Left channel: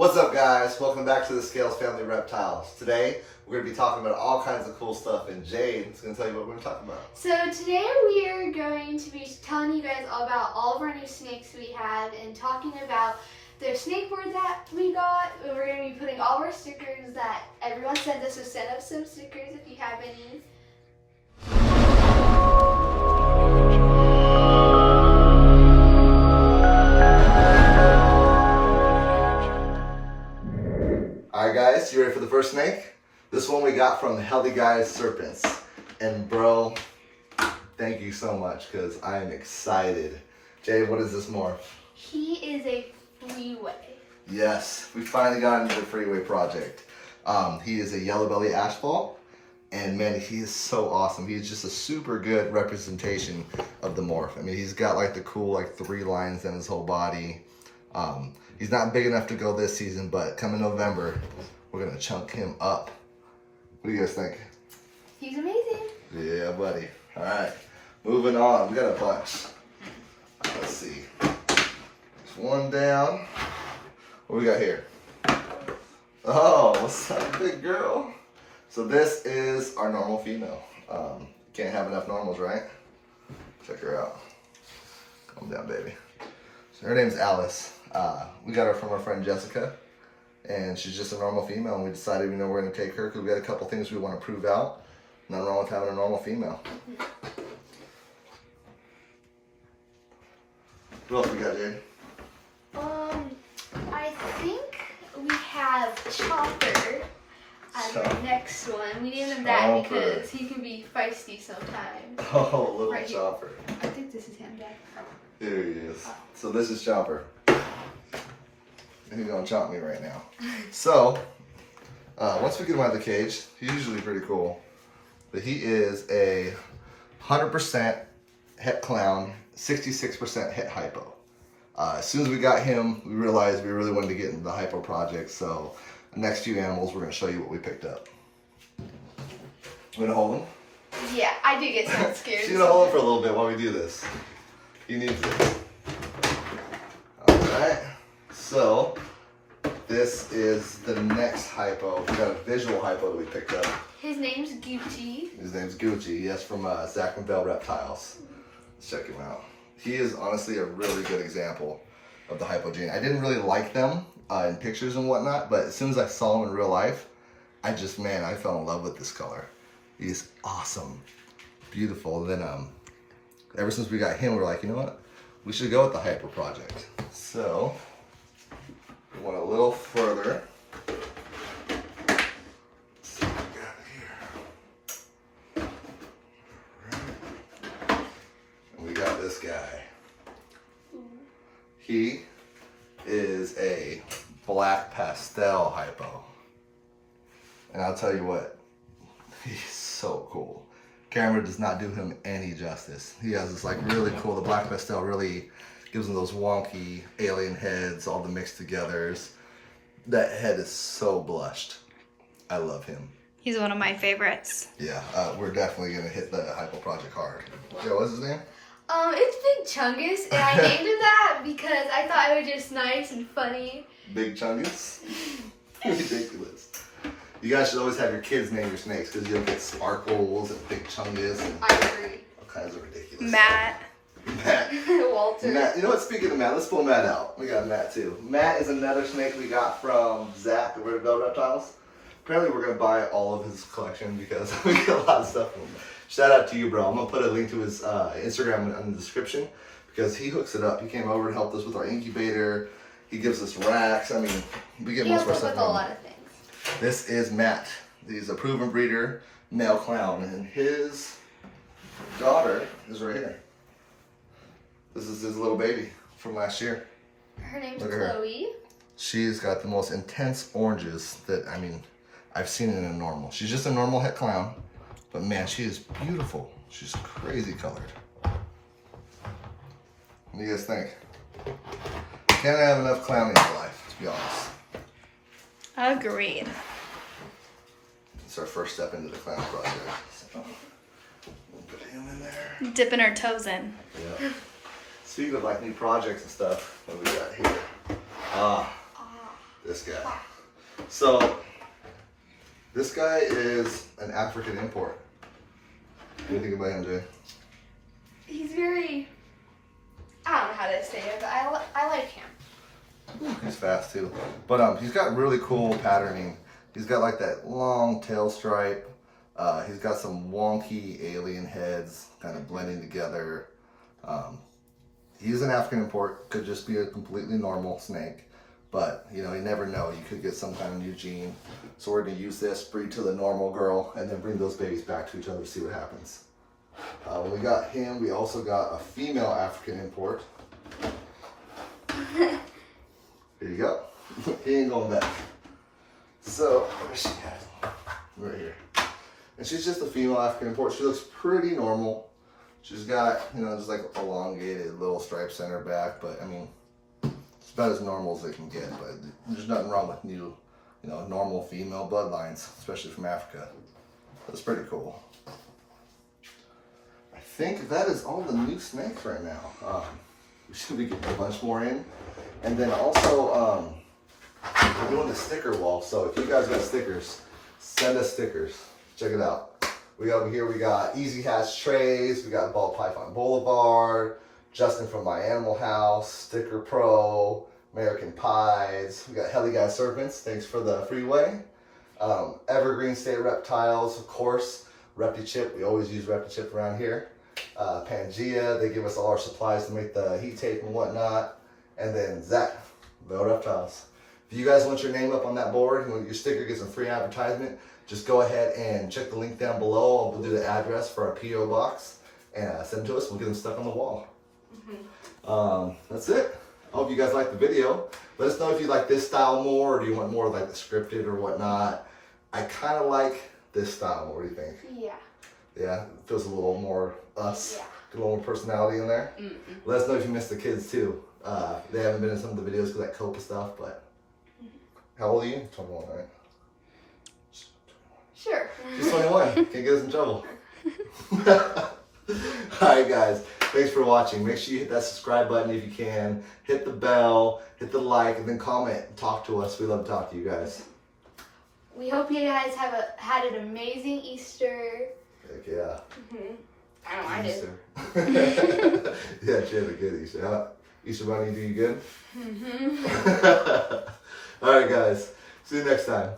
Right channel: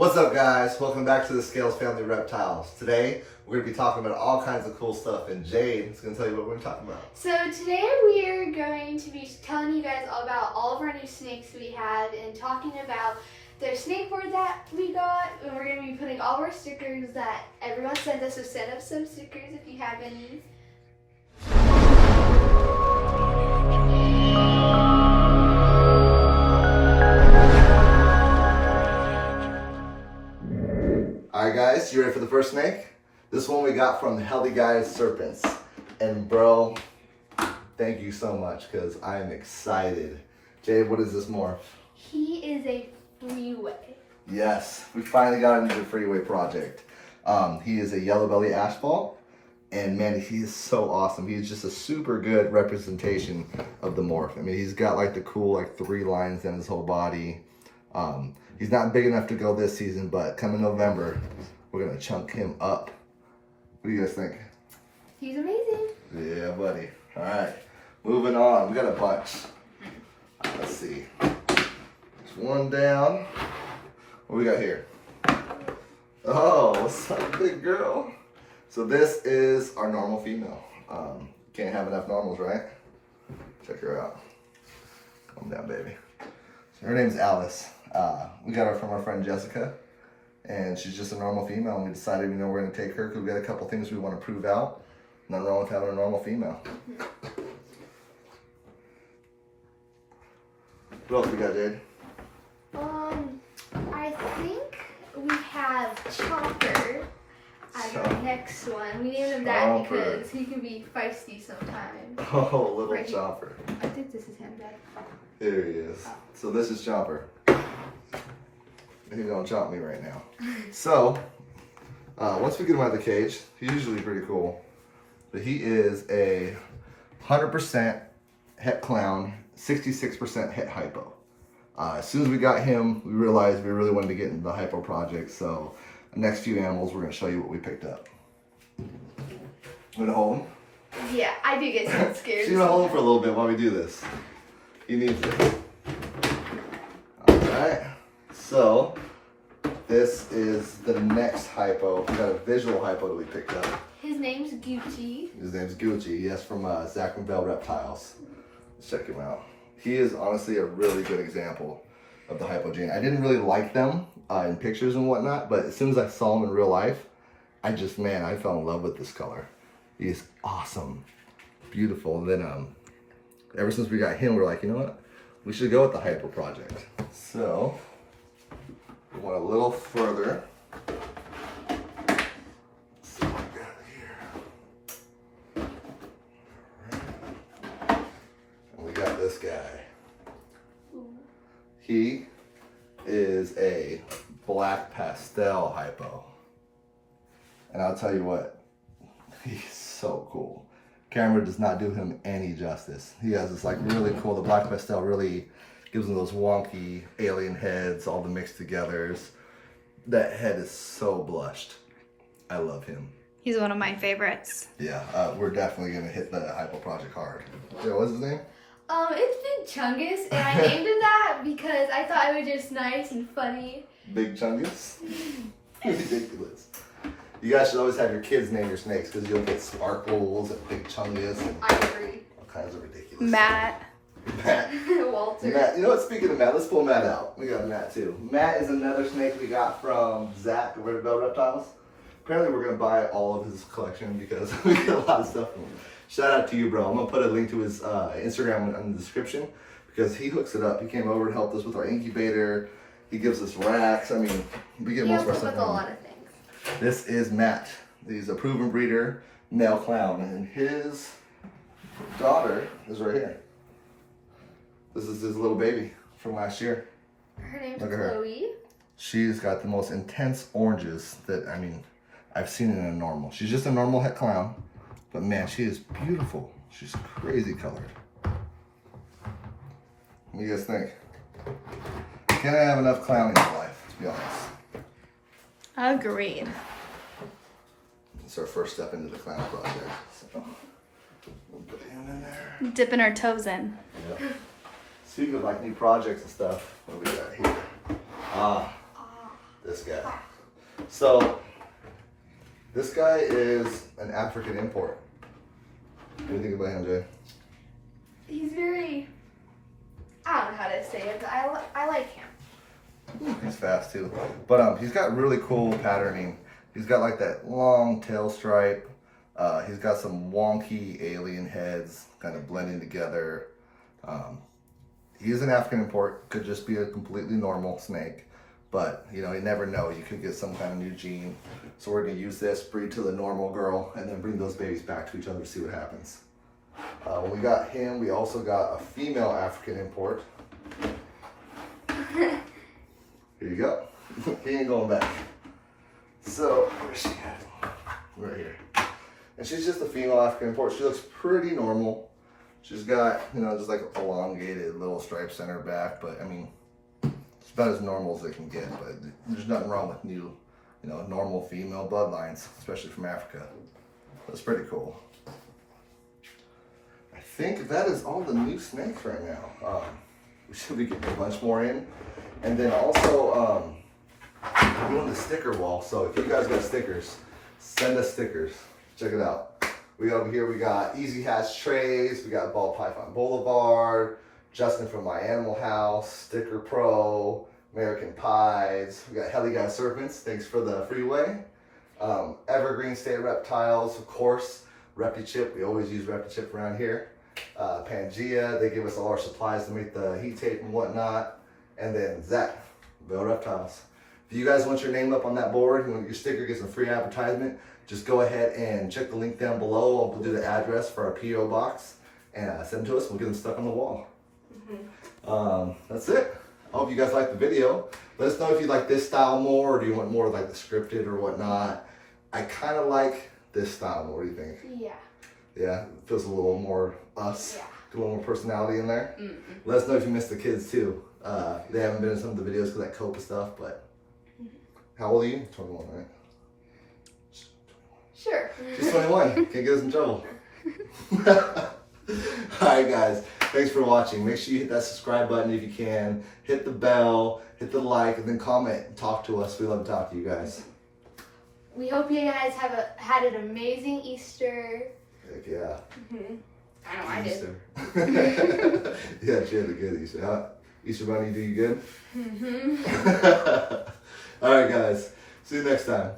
What's up, guys? Welcome back to the Scales Family Reptiles. Today, we're going to be talking about all kinds of cool stuff, and Jade is going to tell you what we're going to talk about. So today we are going to be telling you guys all about all of our new snakes we have and talking about the snake board that we got. And we're going to be putting all of our stickers that everyone sent us, so send us some stickers if you have any. Alright guys, you ready for the first snake? This one we got from Healthy Guys Serpents. And bro, thank you so much because I am excited. Jade, what is this morph? He is a freeway. Yes, we finally got into the freeway project. He is a yellow belly asphalt. And man, he is so awesome. He's just a super good representation of the morph. I mean, he's got like the cool like 3 lines in his whole body. He's not big enough to go this season, but coming November, we're gonna chunk him up. What do you guys think? He's amazing. Yeah, buddy. All right, moving on. We got a bunch. Let's see. There's one down. What we got here? Oh, what's up, big girl? So this is our normal female. Can't have enough normals, right? Check her out. Calm down, baby. So her name's Alice. We got her from our friend Jessica, and she's just a normal female, and we decided, we're gonna take her because we got a couple things we want to prove out. Nothing wrong with having a normal female. What else we got, Jade? I think we have Chopper as the next one. We named him that because he can be feisty sometimes. Oh, little right Chopper. I think this is him, Dad. Here he is. So this is Chopper. He's gonna chomp me right now. So, once we get him out of the cage, he's usually pretty cool. But he is a 100% het clown, 66% het hypo. As soon as we got him, we realized we really wanted to get into the hypo project. So, the next few animals, we're gonna show you what we picked up. You gonna hold him? Yeah, I do get so scared. She's gonna hold him for a little bit while we do this. He needs it. Alright. So, this is the next hypo. We got a visual hypo that we picked up. His name's Gucci. His name's Gucci. Yes, from Zach and Bell Reptiles. Let's check him out. He is honestly a really good example of the hypo gene. I didn't really like them in pictures and whatnot, but as soon as I saw him in real life, I fell in love with this color. He's awesome. Beautiful. And then ever since we got him, we were like, you know what? We should go with the hyper project. So, we went a little further. Let's see what we got here. Right. And we got this guy. He is a black pastel hypo. And I'll tell you what, he's so cool. Camera does not do him any justice. He has this like really cool, the black pastel really gives him those wonky alien heads, all the mixed togethers. That head is so blushed. I love him. He's one of my favorites. Yeah, we're definitely gonna hit the hypo project hard. Joe, what's his name? It's Big Chungus, and I named him that because I thought it was just nice and funny. Big Chungus? Ridiculous. You guys should always have your kids name your snakes because you'll get Sparkles and Big Chungus and I agree. all kinds of ridiculous Matt. Matt. Walter. Matt. You know what? Speaking of Matt, let's pull Matt out. We got Matt too. Matt is another snake we got from Zach of Reptiles Reptiles. Apparently, we're gonna buy all of his collection because we get a lot of stuff from him. Shout out to you, bro. I'm gonna put a link to his Instagram in the description because he hooks it up. He came over and helped us with our incubator. He gives us racks. I mean, we get most of our stuff with a from lot him. of things. This is Matt. He's a proven breeder, male clown, and his daughter is right here. This is his little baby from last year. Her name's Look at her. Chloe. She's got the most intense oranges that, I've seen in a normal. She's just a normal het clown, but man, she is beautiful. She's crazy colored. What do you guys think? Can't have enough clown in your life, to be honest. Agreed. It's our first step into the clown project. So, we'll put him in there. Dipping our toes in. Yeah. Speaking of like new projects and stuff, what do we got here? this guy. So this guy is an African import. What do you think about him, Jay? He's very, I don't know how to say it, but I like him. He's fast too. But he's got really cool patterning. He's got like that long tail stripe. He's got some wonky alien heads kind of blending together. He's an African import. Could just be a completely normal snake. But, you know, you never know. You could get some kind of new gene. So we're going to use this, breed to the normal girl, and then bring those babies back to each other to see what happens. When we got him, we also got a female African import. Here you go. He ain't going back. So, where's she at? Right here. And she's just a female African import. She looks pretty normal. She's got, you know, just like elongated little stripes on her back, but I mean, it's about as normal as they can get. But there's nothing wrong with new, you know, normal female bloodlines, especially from Africa. That's pretty cool. I think that is all the new snakes right now. We should be getting a bunch more in. And then also, we're doing the sticker wall. So if you guys got stickers, send us stickers. Check it out. We got over here, we got Easy Hatch Trays, we got Ball Python Boulevard, Justin from My Animal House, Sticker Pro, American Pies, we got Heli Guy Serpents, thanks for the freeway. Evergreen State Reptiles, of course, Repti-Chip, we always use Repti-Chip around here. Pangea, they give us all our supplies to make the heat tape and whatnot. And then Zach, Bell Reptiles. If you guys want your name up on that board, you want your sticker, get some free advertisement, just go ahead and check the link down below. We'll do the address for our P.O. box and send them to us. We'll get them stuck on the wall. That's it. I hope you guys liked the video. Let us know if you like this style more, or do you want more like the scripted or whatnot. I kind of like this style. What do you think? Yeah. Yeah, it feels a little more us. Yeah. Get a little more personality in there. Let us know if you missed the kids too. They haven't been in some of the videos because of that COPA stuff, but how old are you? 21, right? Sure. She's 21. Can't get us in trouble. Alright guys, thanks for watching. Make sure you hit that subscribe button if you can. Hit the bell, hit the like, and then comment and talk to us. We love to talk to you guys. We hope you guys had an amazing Easter. Heck yeah. I know I did. Easter. Yeah, she had a good Easter. Huh? Easter Bunny, do you good? Alright guys, see you next time.